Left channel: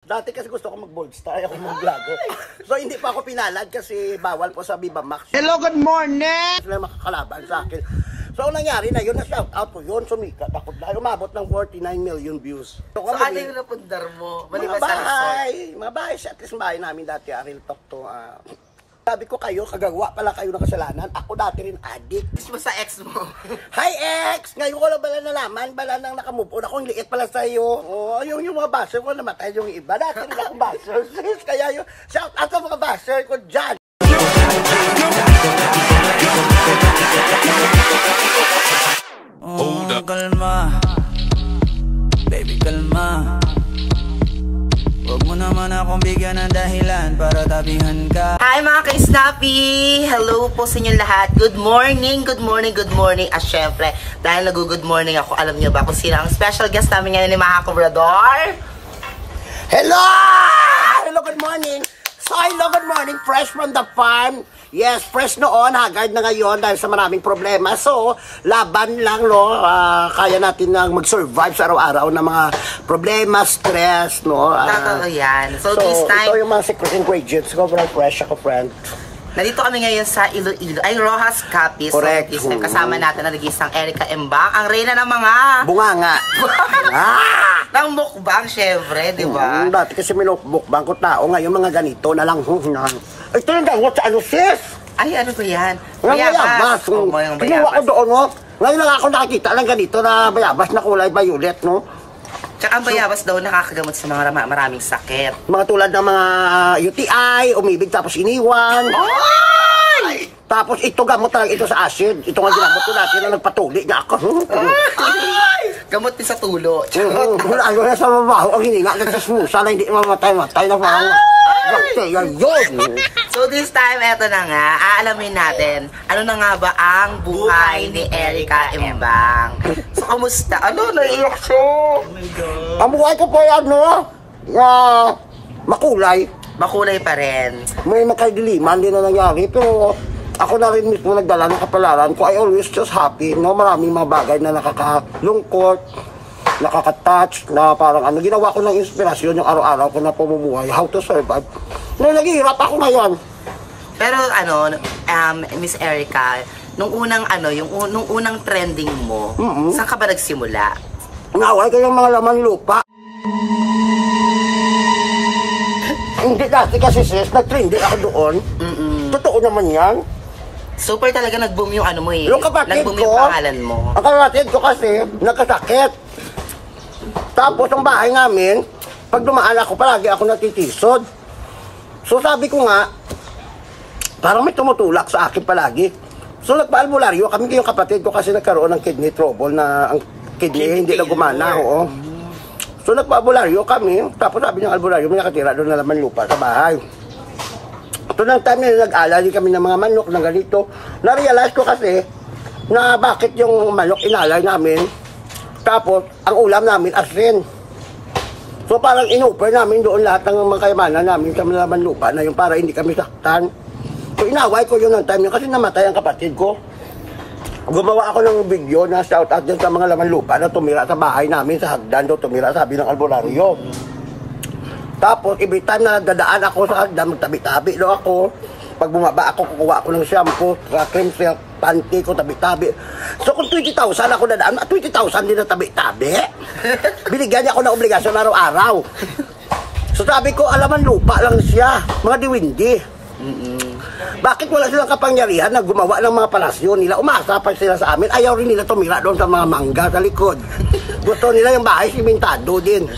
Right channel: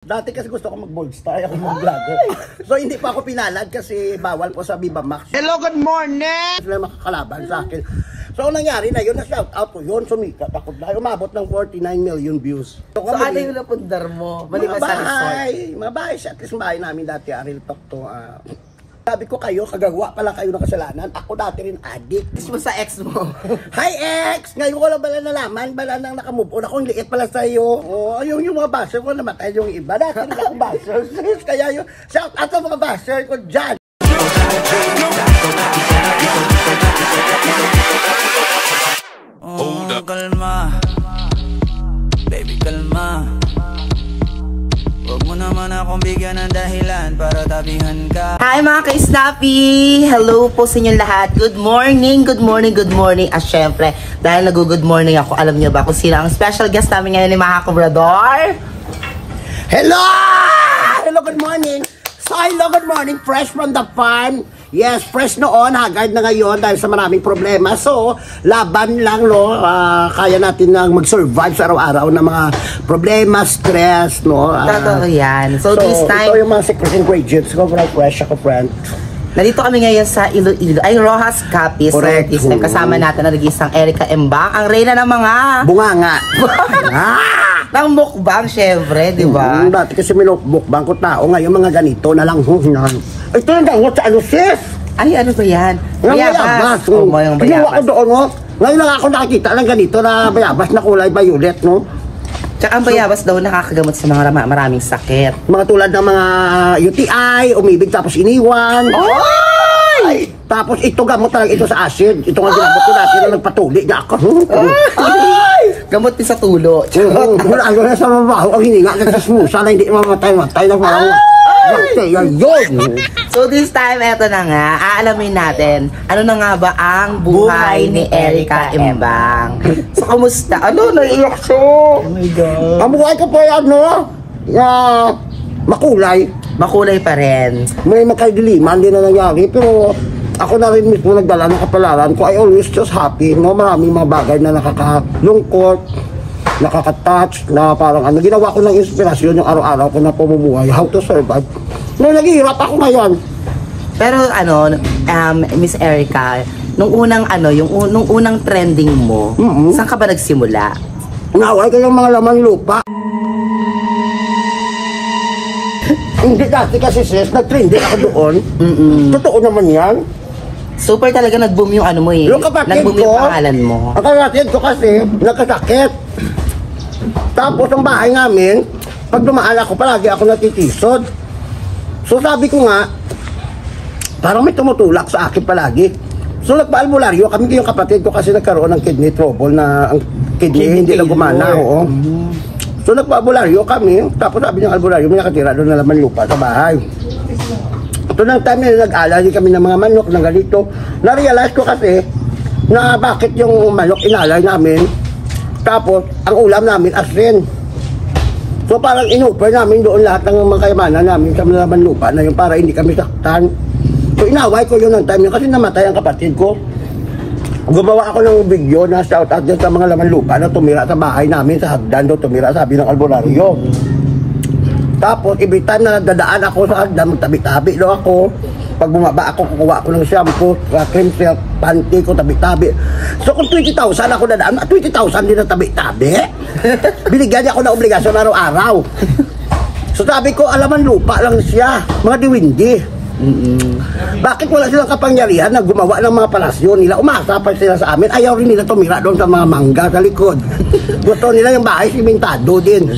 Dati kasi gusto ko mag-bold star, ako mag-vlogger. So hindi pa ako pinalad kasi bawal po sa Viva Max. Hello, good morning! Sila makakalaban sa akin. So ang nangyari na yun, na-shout out ko yun, sumikat ako dahil umabot ng 49 million views. So ano yung napundar mo? Maliban sa resort? Mga bahay siya, at least bahay namin dati, Real Talk to. Sabi ko kayo, kagagawa pala kayo ng kasalanan. Ako dati rin addict. Kiss mo sa ex mo. Hi ex! Ngayon ko lang bala nalaman, bala nang nakamove on. Akong liit pala sa'yo. Oh, yung mga basher ko, namatay yung iba. Dati rin ako basher. Kaya yung shout out sa mga basher ko dyan. Oh, kalma. Baby, kalma. Huwag mo naman akong bigyan ng dahilan para tabihan ka. Hi mga ka-snappy! Hello po sa inyong lahat. Good morning, good morning, good morning. At syempre, dahil nag-good morning ako, alam niyo ba kung sino ang special guest namin ngayon ni Maha Cobrador? Hello! Hello, good morning. So, hello, good morning. Fresh from the farm. Yes, fresh noon, haggard na ngayon dahil sa maraming problema. So, laban lang, no? Kaya natin nang mag-survive sa araw-araw ng mga problema, stress, no? Totoo yan. So, this time, ito yung mga secret ingredients ko, fresh ako, friend. nandito kami ngayon sa Iloilo, ay Rojas Capiz. So, this time, kasama natin ang nag-iisang Erica Embang, ang reyna ng mga... Bunganga. Ng mukbang, syempre, di ba? Dati kasi minukbang ko tao, ngayon mga ganito na lang. Ito yung gangot sa ano, sis? Ay, ano ba yan? Bayabas. Oo, yung bayabas. Ako doon, no? Ngayon lang ako nakikita ng ganito na bayabas na kulay violet, no? Tsaka ang bayabas daw nakakagamot sa mga maraming sakit. Mga tulad ng mga UTI, umibig tapos iniwan. Ay! Tapos ito gamot talaga ito sa acid. Ito nga ginamot ko dati na nagpatuli niya ako. Ay! Gamot din sa tulo. Wala na sa mabaho ang hininga kasi sana hindi mamatay lang parang yun. So this time, eto na nga, aalamin natin, ano na nga ba ang buhay ni Erica Embang. So, kumusta? Ano? Naiiyak siya. Oh my God. Ang buhay ko po yan, no? Makulay. Makulay pa rin. May magkaidiliman din na nangyari, pero ako na rin mismo nagdala ng kapalaran ko. I always just happy, no? Maraming mga bagay na nakakalungkot, nakaka-touch, na parang ano, ginawa ko ng inspirasyon yung araw-araw ko na pamumuhay, how to survive. No, naghihirap ako ngayon. Pero ano, Miss Erica, nung unang ano, nung unang trending mo, saan ka ba nagsimula? Naway ko yung mga laman lupa. Hindi dati kasi sis, nag-trending ako doon. Totoo naman yan. Super talaga nag-boom yung ano mo eh. Nag-boom yung pangalan mo. Ang kapatid ko kasi, nagkasakit. Tapos ang bahay namin, pag dumaan ako, palagi ako natitisod. So sabi ko nga, parang may tumutulak sa akin palagi. So nagpa-albularyo, kami yung kapatid ko kasi nagkaroon ng kidney trouble na ang kidney hindi na gumana. Oo. So nagpa-albularyo kami, tapos sabi ng albularyo, may nakatira doon na laman lupa sa bahay. Ito nang time na nag-alay kami ng mga manok ng ganito. Na-realize ko kasi na bakit yung manok inalay namin. Tapos, ang ulam namin, asin. So, parang inupay namin doon lahat ng mga kayamanan namin sa malaman lupa na yung para hindi kami saktan. So, inaway ko yun ng time yun kasi namatay ang kapatid ko. Gumawa ako ng video na shout out din sa mga laman lupa na tumira sa bahay namin, sa hagdan doon tumira, sabi ng albularyo. Tapos, every time na dadaan ako sa hagdan, magtabi-tabi doon ako. Pag bumaba ako, kukuha ako ng shampoo, cream silk, panty ko, tabi-tabi. So kung 20,000 ako dadaan, 20,000 din na tabi-tabi. Binigyan niya ako ng obligasyon araw-araw. So sabi ko, alaman lupa lang siya, mga diwindi. Bakit wala silang kapangyarihan na gumawa ng mga palasyo nila? Umasa pa sila sa amin. Ayaw rin nila tumira doon sa mga mangga sa likod. Gusto nila yung bahay simentado din.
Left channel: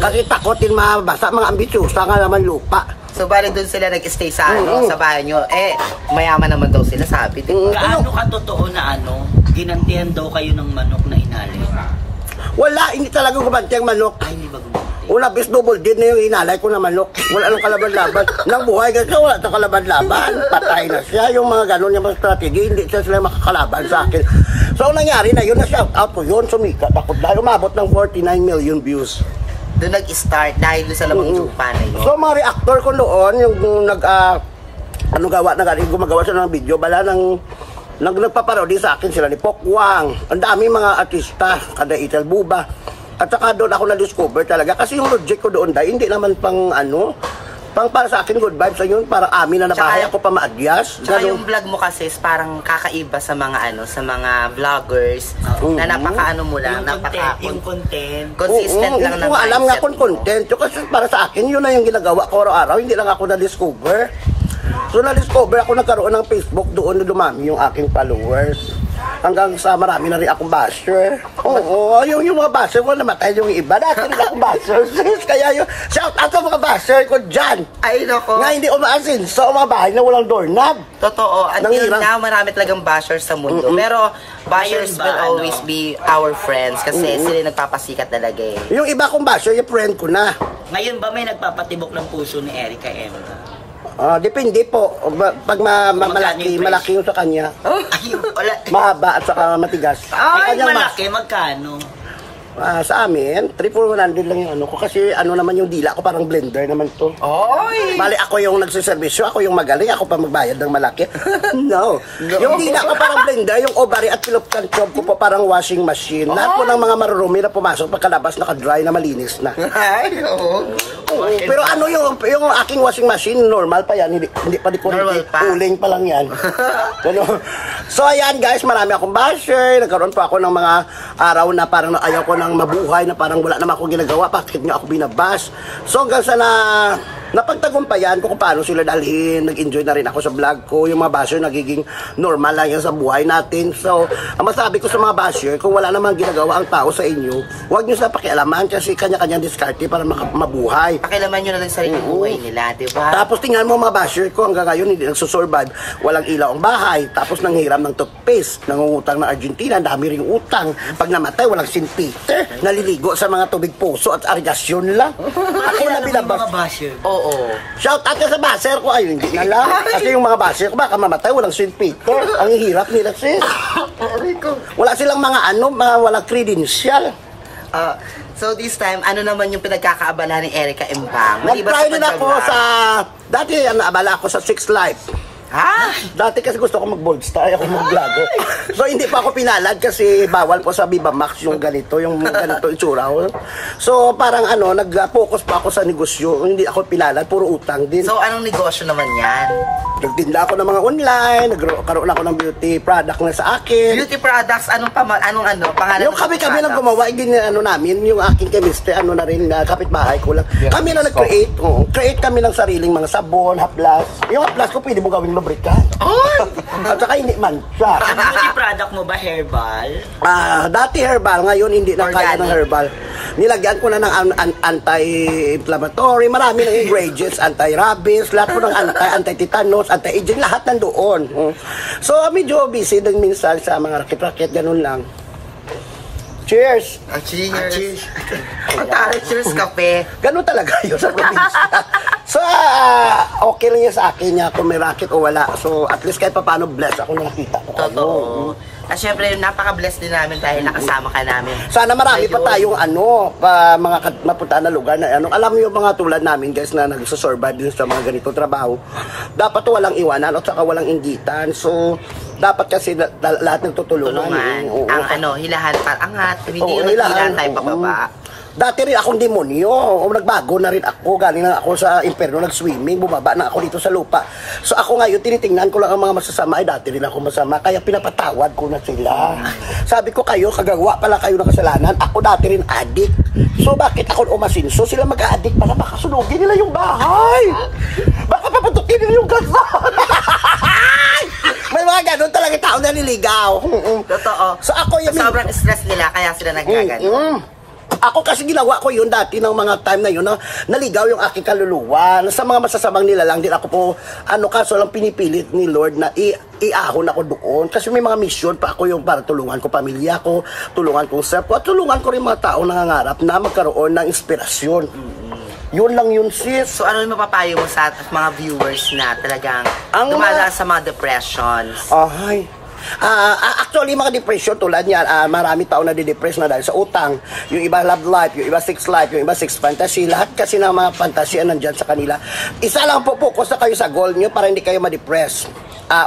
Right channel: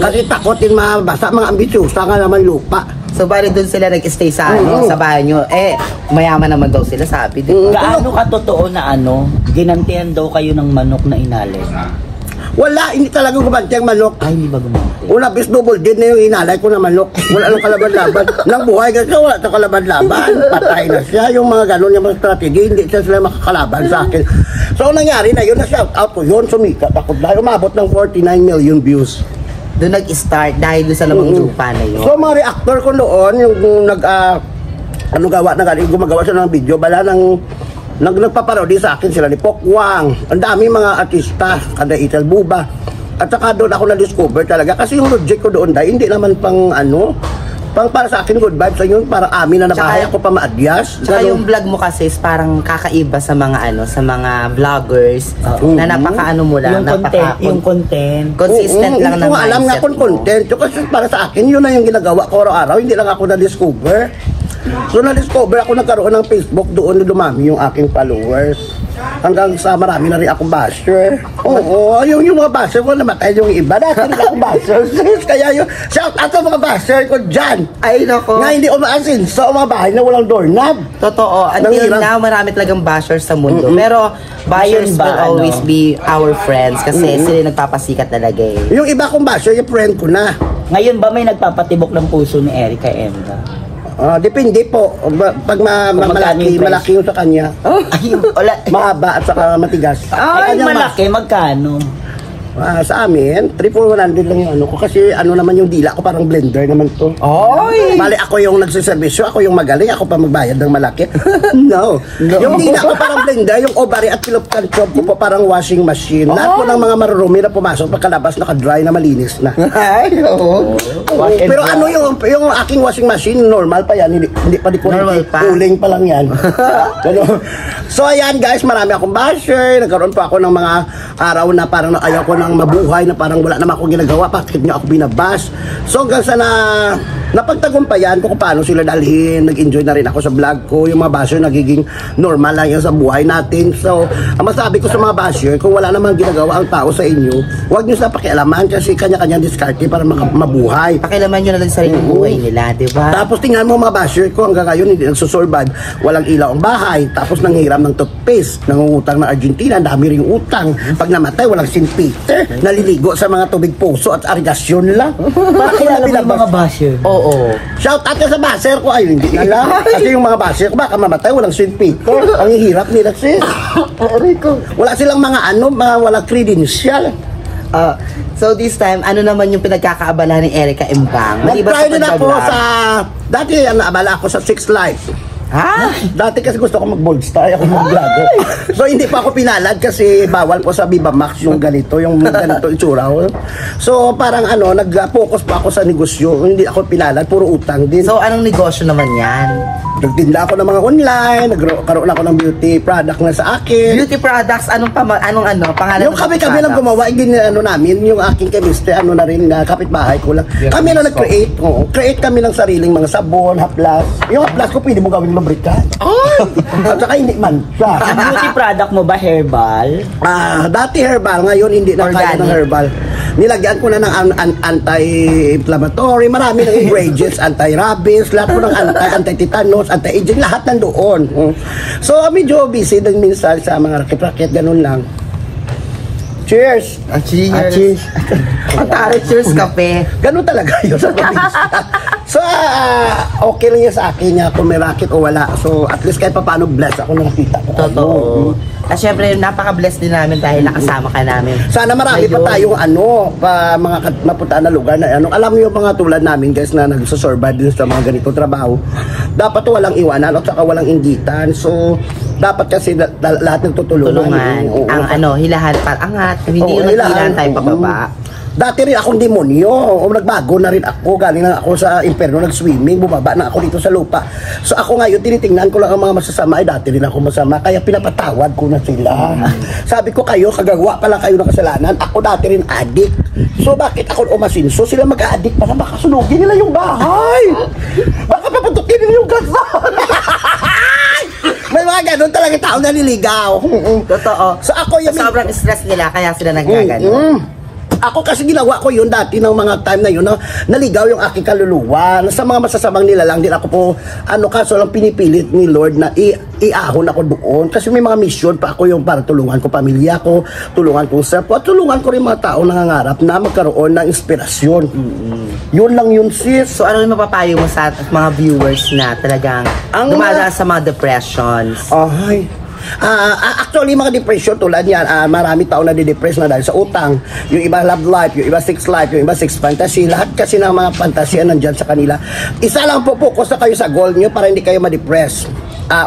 Kasi takot din mabasa, mga ambisyosa nga naman lupa. So, bali doon sila nag-stay sa ano, sa bahay nyo. Eh, mayaman naman daw sila, sabi. Gaano ka totoo na ano, ginantihan daw kayo ng manok na inalay? Wala, hindi talaga gumanti ang manok. Ay, hindi ba gumanti? Una, bis double din na yung inalay ko na manok. Wala nang kalaban-laban. Nang buhay kasi wala nang kalaban-laban. Patay na siya. Yung mga ganun, yung mga strategy, hindi siya sila makakalaban sa akin. So, nangyari na yun, na-shout out ko yun, sumikat ako. Dahil umabot ng 49 million views. Doon nag-start dahil doon sa lamang lupa na yun. So, mga reactor ko noon, yung gumagawa siya ng video, bala ng nagpaparody sa akin sila ni Pokwang. Ang daming mga artista, kada Itel Buba. At saka doon ako na-discover talaga. Kasi yung logic ko doon dahil hindi naman pang para sa akin good vibes sa yun, para amin na nabahay ako pa maadyas. Tsaka yung vlog mo kasi is parang kakaiba sa mga sa mga vloggers na napaka mo lang, yung content. Consistent lang ng mindset mo. Alam nga kung content. Kasi para sa akin, yun na yung ginagawa ko araw-araw. Hindi lang ako na-discover. So na-discover ako, nagkaroon ng Facebook, doon na dumami yung aking followers. Hanggang sa marami na rin akong basher. Oo, yung mga basher ko namatay yung iba. Dati na akong basher. Kaya yung shout out sa mga basher ko dyan. Ay, nako. Na hindi umaasin sa mga bahay na walang doorknob. Totoo. Until now, marami talagang bashers sa mundo. Pero buyers will always be our friends kasi sila yung nagpapasikat talaga eh. Yung iba kong basher, yung friend ko na. Ngayon ba may nagpapatibok ng puso ni Erica Emba? Depende po. Pag malaki yung sa kanya. Mahaba at saka matigas. Ay, malaki. Magkano? Sa amin, 3,100 lang yung ko. Kasi naman yung dila ko, parang blender naman to. Oy! Bali, ako yung nagsiservisyo, ako yung magaling, ako pa magbayad ng malaki. No. Yung dila ko parang blender, yung ovary at kilopkan chop ko po parang washing machine. Lahat po ng mga marurumi na pumasok, pagkalabas, naka-dry na malinis na. Ay, oo. Pero yung aking washing machine, normal pa yan. Hindi pa di po. Normal pa. Cooling pa lang yan. So, ayan guys, marami akong basher. Nagkaroon pa ako ng mga araw na parang ayaw ko ng mabuhay, na parang wala naman akong ginagawa, bakit nga ako binabas. So hanggang sa napagtagumpayan ko kung paano sila dalhin, nag-enjoy na rin ako sa vlog ko, yung mga basher nagiging normal lang yan sa buhay natin. So ang masabi ko sa mga basher, kung wala namang ginagawa ang tao sa inyo, huwag nyo sila pakialaman kasi kanya-kanyang diskarte para mabuhay. Pakialaman nyo na lang sa sarili buhay nila, di ba? Tapos tingnan mo mga basher ko, hanggang ngayon hindi nagsusurvive, walang ilaw ang bahay, tapos nanghiram ng toothpaste, nangungutang ng Argentina, dami rin utang, pag namatay walang St. Peter, naliligo sa mga tubig puso at arigasyon lang. Para kilala mo yung mga basher. Oo. Shout out sa basher ko, ay hindi na lang. Kasi yung mga basher ko, baka mamatay, walang St. Peter. Ang hirap nila sis. Wala silang mga walang credential. So this time, ano naman yung pinagkakaabala ni Erica Embang? Maliban sa Nag-try din ako pagbablog. dati naabala ako sa 6 Life. Ha? Dati kasi gusto ko mag-bold star, ako mag-vlogger. So hindi pa ako pinalad kasi bawal po sa Viva Max yung ganito itsura ko. So parang nag-focus pa ako sa negosyo, hindi ako pinalad, puro utang din. So anong negosyo naman yan? Nagtinda ako ng mga online, nagkaroon ako ng beauty product na sa akin. Beauty products, anong pangalan? Yung kami lang gumawa, din namin, yung aking chemist, na rin, kapitbahay ko lang. Kami na nag-create, create kami ng sariling mga sabon, haplas. Yung haplas ko, pwede mo gawing lubrikan. At saka hindi mancha. Ang beauty product mo ba herbal? Dati herbal, ngayon hindi na kaya ng herbal. Nilagyan ko na ng anti-inflammatory, marami ng ingredients, anti-rabies, lahat po ng anti-tetanus, anti-aging, lahat nandoon. So, medyo busy din minsan sa mga rakit-rakit, ganun lang. Cheers! Cheers! Cheers! Ang tari, cheers kape. Ganun talaga yun sa probinsya. So, okay lang yun sa akin kung may racket o wala. So, at least kahit pa paano bless ako ng tita ko. Totoo. At syempre, napaka-bless din namin dahil nakasama ka namin. Sana marami pa tayong mga mapuntaan na lugar na alam niyo mga tulad namin guys na nagsusurvive din sa mga ganitong trabaho. Dapat walang iwanan at saka walang inggitan. So, dapat kasi lahat ng tutulungan. Ang hilahan para angat. Hindi yung naghilahan tayo pababa. Dati rin akong demonyo. Nagbago na rin ako. Galing na ako sa imperno, nag-swimming. Bumaba na ako dito sa lupa. So ako ngayon, tinitingnan ko lang ang mga masasama. Dati rin ako masama. Kaya pinapatawad ko na sila. Sabi ko kayo, kagagawa pala kayo ng kasalanan. Ako dati rin addict. So bakit ako umasinso? Sila mag-addict para baka sunugin nila yung bahay. Baka paputukin nila yung gasol. May mga ganun talaga tao naliligaw. Totoo. So ako yung sobrang stress nila kaya sila nagkagano. Ako kasi ginawa ko yun dati ng mga time na yun na naligaw yung aking kaluluwa. Sa mga masasamang nilalang din ako po, kaso lang pinipilit ni Lord na iahon ako doon. Kasi may mga mission pa ako yung para tulungan ko pamilya ko, tulungan ko self ko, at tulungan ko rin mga tao nangangarap na magkaroon ng inspirasyon. Yun lang yun sis. So ano yung mapapayo mo sa mga viewers na talagang dumadaan sa mga depressions? Actually, mga depression tulad yan, marami tao na di-depress na dahil sa utang. Yung iba love life, yung iba sex life, yung iba sex fantasy. Lahat kasi ng mga fantasy nandyan sa kanila. Isa lang po, focus na kayo sa goal nyo para hindi kayo ma-depress.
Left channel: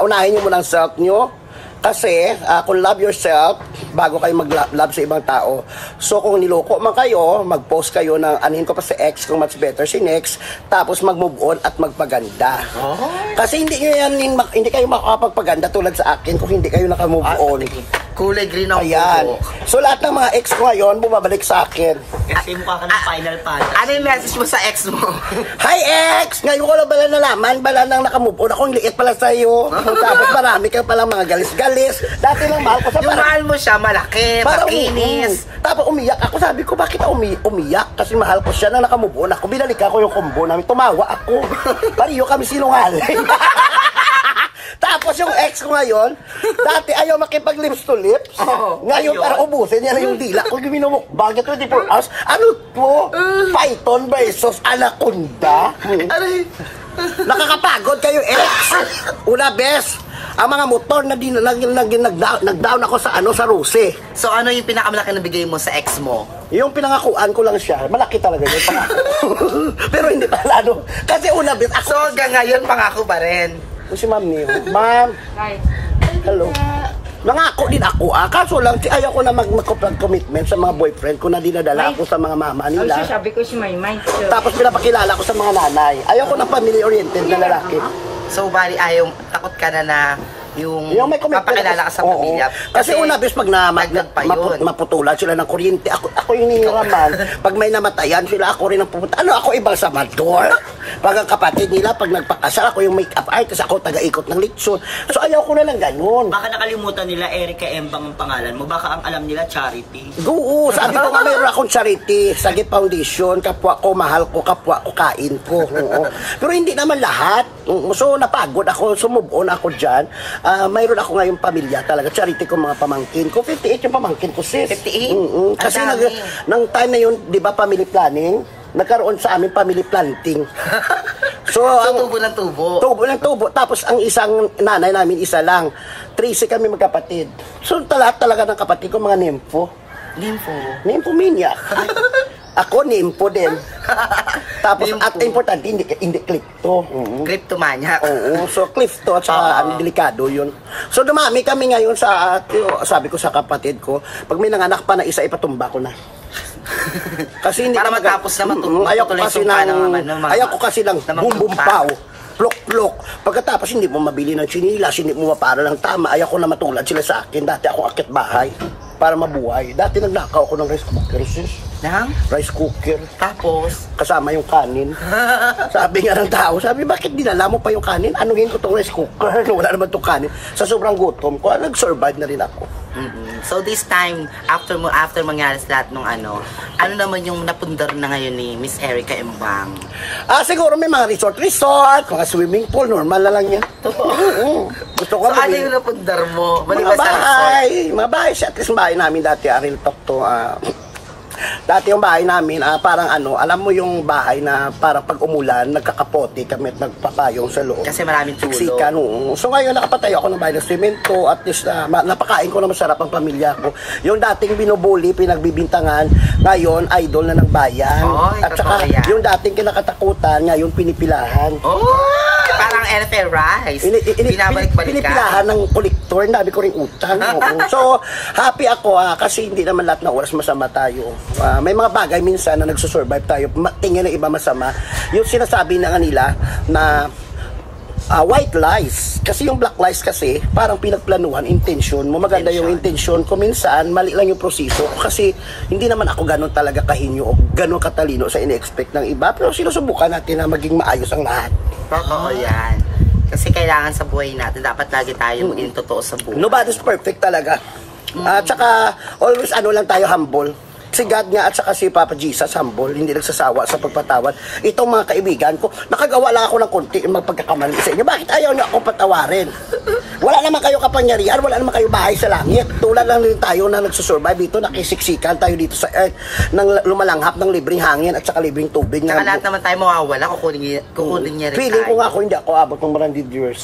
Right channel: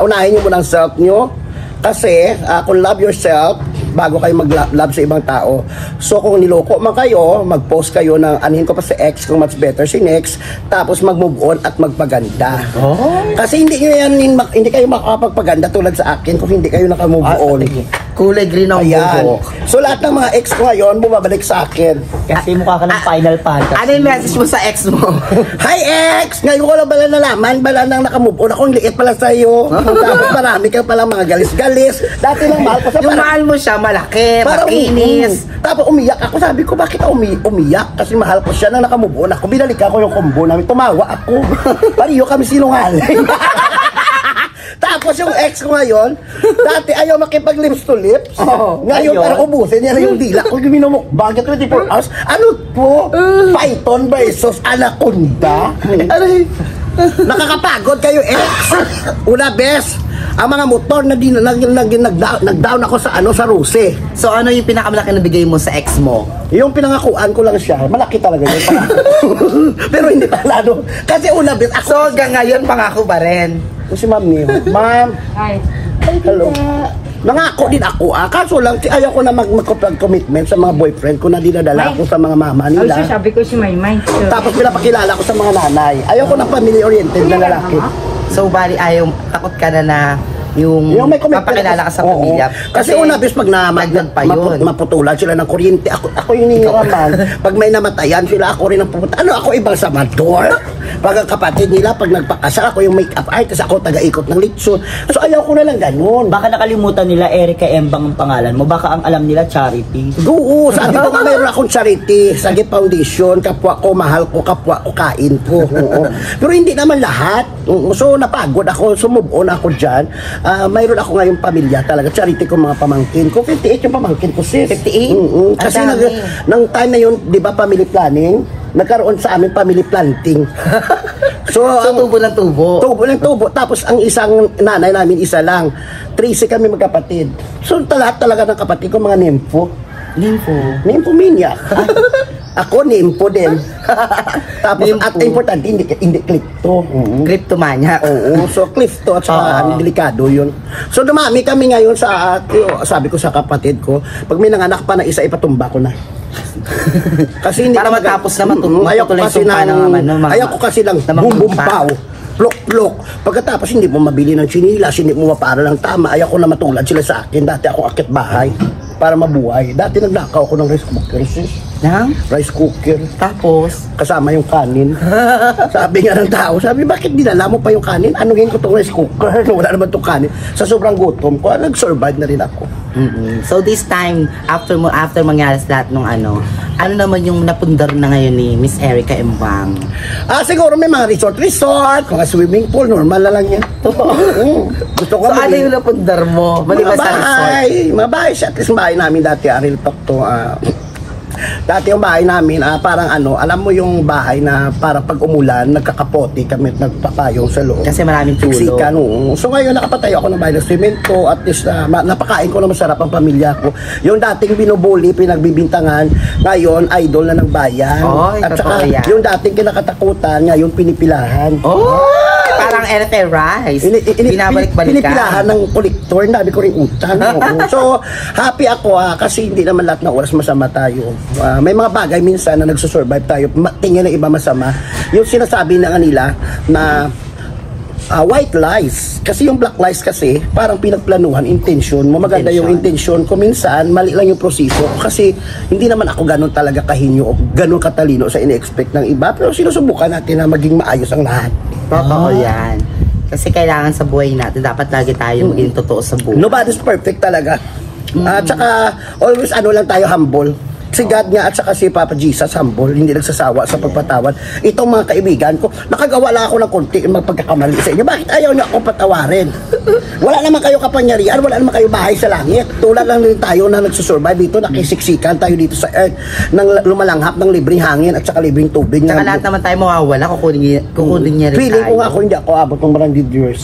Unahin nyo muna ang self nyo. Kasi kung love yourself, bago kayo mag-love sa ibang tao. So kung niloko man kayo, mag-post kayo ng anuhin ko pa sa ex kung much better si next, tapos mag-move on at magpaganda. Kasi hindi kayo makakapagpaganda tulad sa akin kung hindi kayo naka-move on. Kulay green ang buhok. So lahat ng mga ex ko ngayon, bumabalik sa akin. Kasi mukha ka ng Final Fantasy. Ano yung message mo sa ex mo? Hi ex! Ngayon ko lang bala nalaman, bala nang nakamove on. Akong liit pala sa'yo. Tapos marami ka palang mga galis-galis. Dati lang mahal ko sa Yung mahal mo siya, malaki, makinis. Tapos umiyak ako. Sabi ko, bakit ako umiyak? Kasi mahal ko siya nang nakamove on ako. Binalikan ko yung combo namin. Tumawa ako. Pariyo kami sinungaling. Tapos yung ex ko ngayon, dati ayaw makipag-lips to lips. Ngayon parang ubusin niya na yung dila. Kung minumukbang niya 24 hours, ano po? Python versus Anaconda? Nakakapagod kayo ex. Una best, ang mga motor na nag-down ako sa Ruse. So ano yung pinakamalaki na bigay mo sa ex mo? Yung pinangakuan ko lang siya, malaki talaga yun. Pero hindi palado. Kasi una best ako. So hanggang ngayon pangako pa rin. Si Ma'am Niyo. Ma'am. Hi. Hello. Nangako din ako kaso lang ayaw ko na mag-commitment sa mga boyfriend ko na dinadala ako sa mga mama nila. Ay, sabi ko si Maymay. Tapos pinapakilala ko sa mga nanay. Ayaw ko ng family-oriented na lalaki. So bali ayaw, takot ka na yung may commitment papakilala ka sa pamilya. Kasi una bis pag maputulan sila ng kuryente, ako yung ningiraman. Pag may namatayan sila, ako rin ang pupunta. Ano ako ibang samador? Pag ang kapatid nila, pag nagpakasal, ako yung make-up artist, ako taga-ikot ng litson. So ayaw ko na lang ganun. Baka nakalimutan nila Erica Embang ang pangalan mo. Baka ang alam nila Charity. Oo, sabi ko nga mayroon akong charity. Sagi Foundation, kapwa ko, mahal ko, kapwa ko, kain ko. Pero hindi naman lahat. So napagod ako, sumove on ako dyan. Mayroon ako ngayong pamilya talaga. Charity ko mga pamangkin ko. 58 yung pamangkin ko, sis. 58? Kasi nang time na yun, di ba, family planning, nagkaroon sa amin family planting. So tubo ng tubo. Tubo ng tubo. Tapos ang isang nanay namin, isa lang. 13 kami magkapatid. So lahat talaga ng kapatid ko, mga nympho. Nymphomaniac. Ako nympho din. Tapos at importante, hindi klepto. Kleptomaniac. Oo, so klepto at saka delikado yun. So dumami kami ngayon sa sabi ko sa kapatid ko, pag may nanganak pa na isa, ipatumba ko na. Kasi hindi para matapos na matutuloy sumpa ng mga ayaw ko kasi lang bumbumpaw. Plok-plok. Pagkatapos hindi mo mabili ng chinilas, hindi mo mapara ng tama, ayaw ko na matulad sila sa akin. Dati ako akit bahay para mabuhay. Dati nagnakaw ako ng rice cooker, sis. Rice cooker. Tapos? Kasama yung kanin. Sabi nga ng tao, sabi, bakit dinala mo pa yung kanin? Anuhin ko itong rice cooker? Wala naman itong kanin. Sa sobrang gutom ko, nag-survive na rin ako. So this time, after mangyari sa lahat ng ano naman yung napundar na ngayon ni Miss Erica Embang? Siguro may mga resort, mga swimming pool, normal na lang yan. Gusto ko so ano yung napundar mo? Maliban sa resort? Mga bahay siya. At least bahay namin dati, Aril Talk to. Dati yung bahay namin, parang alam mo yung bahay na para pag umulan, nagkakapote kami at nagpapayong sa loob. Kasi maraming tulo. So ngayon nakapatayo ako ng bahay ng semento, at least napakain ko na masarap ang pamilya ko. Yung dating binubuli, pinagbibintangan, ngayon idol na ng bayan. At saka yung dating kinakatakutan, ngayon pinipilahan. Parang NFL Rice. Binabalik-balikan. Pinipilahan ng kolektor, nabi ko rin utang. So happy ako kasi hindi naman lahat ng oras masama tayo. May mga bagay minsan na nagsusurvive tayo, tingin ng iba masama. Yung sinasabi na nila na white lies. Kasi yung black lies kasi, parang pinagplanuhan, intention mo. Maganda yung intention ko. Minsan, mali lang yung proseso. Kasi hindi naman ako ganun talaga kahinyo o ganun katalino sa ine-expect ng iba. Pero sinusubukan natin na maging maayos ang lahat. Totoo yan. Kasi kailangan sa buhay natin, dapat lagi tayo maging totoo sa buhay. Nobody's perfect talaga. At saka, always lang tayo humble. Si God nga at saka si Papa Jesus humble, hindi nagsasawa sa pagpatawad. Itong mga kaibigan ko, nakagawa lang ako ng konti magpagkakamali sa inyo. Bakit ayaw niyo akong patawarin? Wala naman kayo kapangyarihan, wala naman kayo bahay sa langit. Tulad lang din tayo na nagsusurvive dito, nakisiksikan tayo dito sa earth, nang lumalanghap ng libreng hangin at saka libreng tubig. Tsaka lahat naman tayo mawawala, kukunin niya rin tayo. Feeling ko nga ako, hindi ako abot ng 100 years.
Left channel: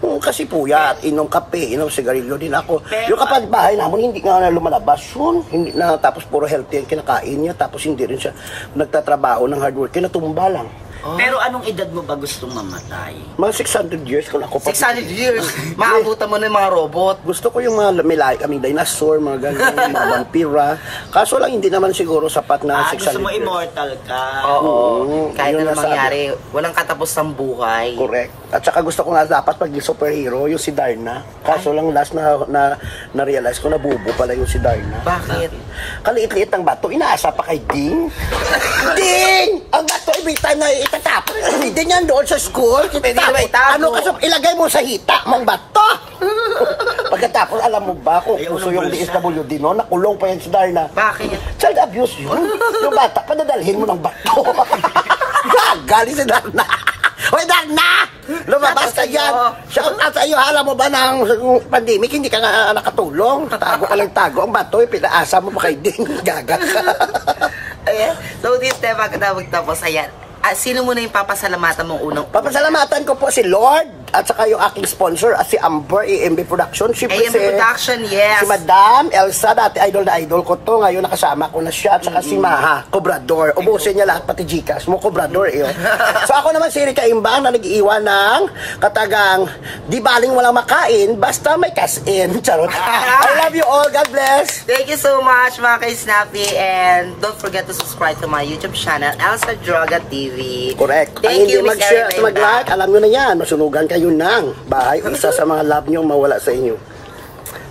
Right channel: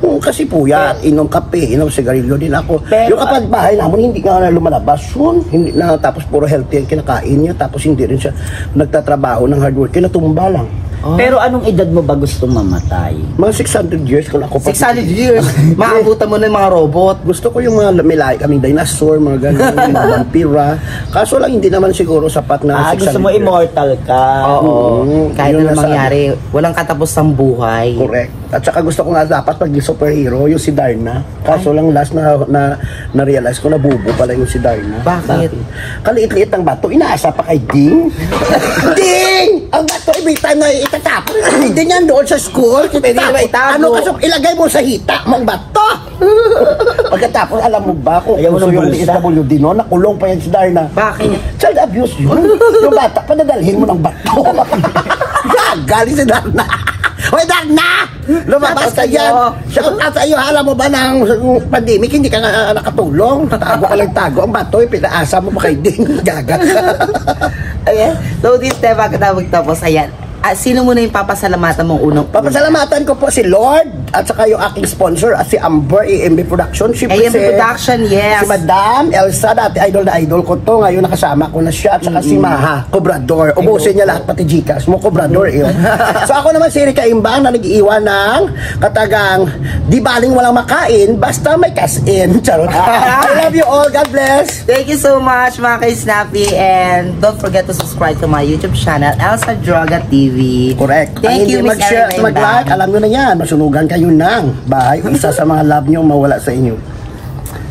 Kasi puyat, inom kape, inom sigarilyo din ako. Pero, yung kapatbahay namin, hindi nga lumalabas yun. Hindi na, tapos puro healthy ang kinakain niya, tapos hindi rin siya nagtatrabaho ng hard work, kinatumba lang. Pero anong edad mo ba gustong mamatay? Mga 600 years kung ako 600 years. Maabutan mo na yung mga robot. Gusto ko yung mga may kaming dinosaur, mga ganun, mga vampira. Kaso lang hindi naman siguro sapat na 600 Gusto mo years. immortal ka. Oo. Kahit Yun na nasabi. mangyari, walang katapos ng buhay. Correct. At saka gusto ko nga dapat pag superhero, yung si Darna. Kaso lang last na realize ko na bubo pala yung si Darna. Bakit? Kaliit-liit ng bato, inaasa pa kay Ding. Ding! Ang bato, every time na itatapon, hindi yan doon sa school. Pwede na ba itago? Ano kasi ilagay mo sa hita, mang bato. Pagkatapos, alam mo ba kung Ayaw mo gusto ng yung bulsa? DSWD no, nakulong pa yan si Darna. Bakit? Child abuse yun. Yung bata, padadalhin mo ng bato. Galing si Darna. Hoy, Darna! Lumabas ka Shout out yan. sa'yo. Shout out sa'yo. Alam mo ba ng pandemic, hindi ka na nakatulong. Tago ka lang tago. Ang bato, pinaasa mo pa kay Ding. Gaga. Ayan. So, this time, bago na magtapos, ayan. Sino muna yung papasalamatan mong unang Papasalamatan ko po si Lord at saka yung aking sponsor at si Amber AMB Production. AMB Production, yes. Si Madam Elsa, dati idol na idol ko to. Ngayon nakasama ko na siya. At saka si Maha, Cobrador. Ubusin niya lahat pati Gcash mo, Cobrador yun. So ako naman si Erika Imbang na nag-iiwan ng katagang di baling walang makain, basta may cash in. Charot. I love you all. God bless. Thank you so much, mga ka-Snappy. And don't forget to subscribe to my YouTube channel, Elsa Droga TV. Correct. Thank you, Miss mag-share at Erin mag-like, Bang. alam nyo na yan. Masunugan kayo ng bahay. Isa sa mga love nyo mawala sa inyo.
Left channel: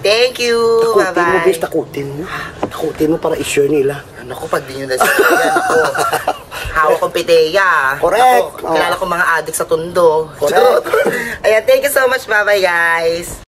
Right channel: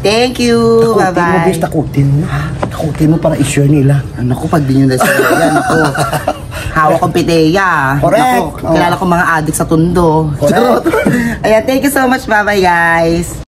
Thank you. Bye-bye. Takutin mo. Takutin mo para i-share nila. Ano ko, pag di nyo na-share yan, ako. Hawak kong piteya. Correct. Ako, kilala ko mga adik sa tundo. Correct. Ayan, thank you so much. Bye-bye, guys.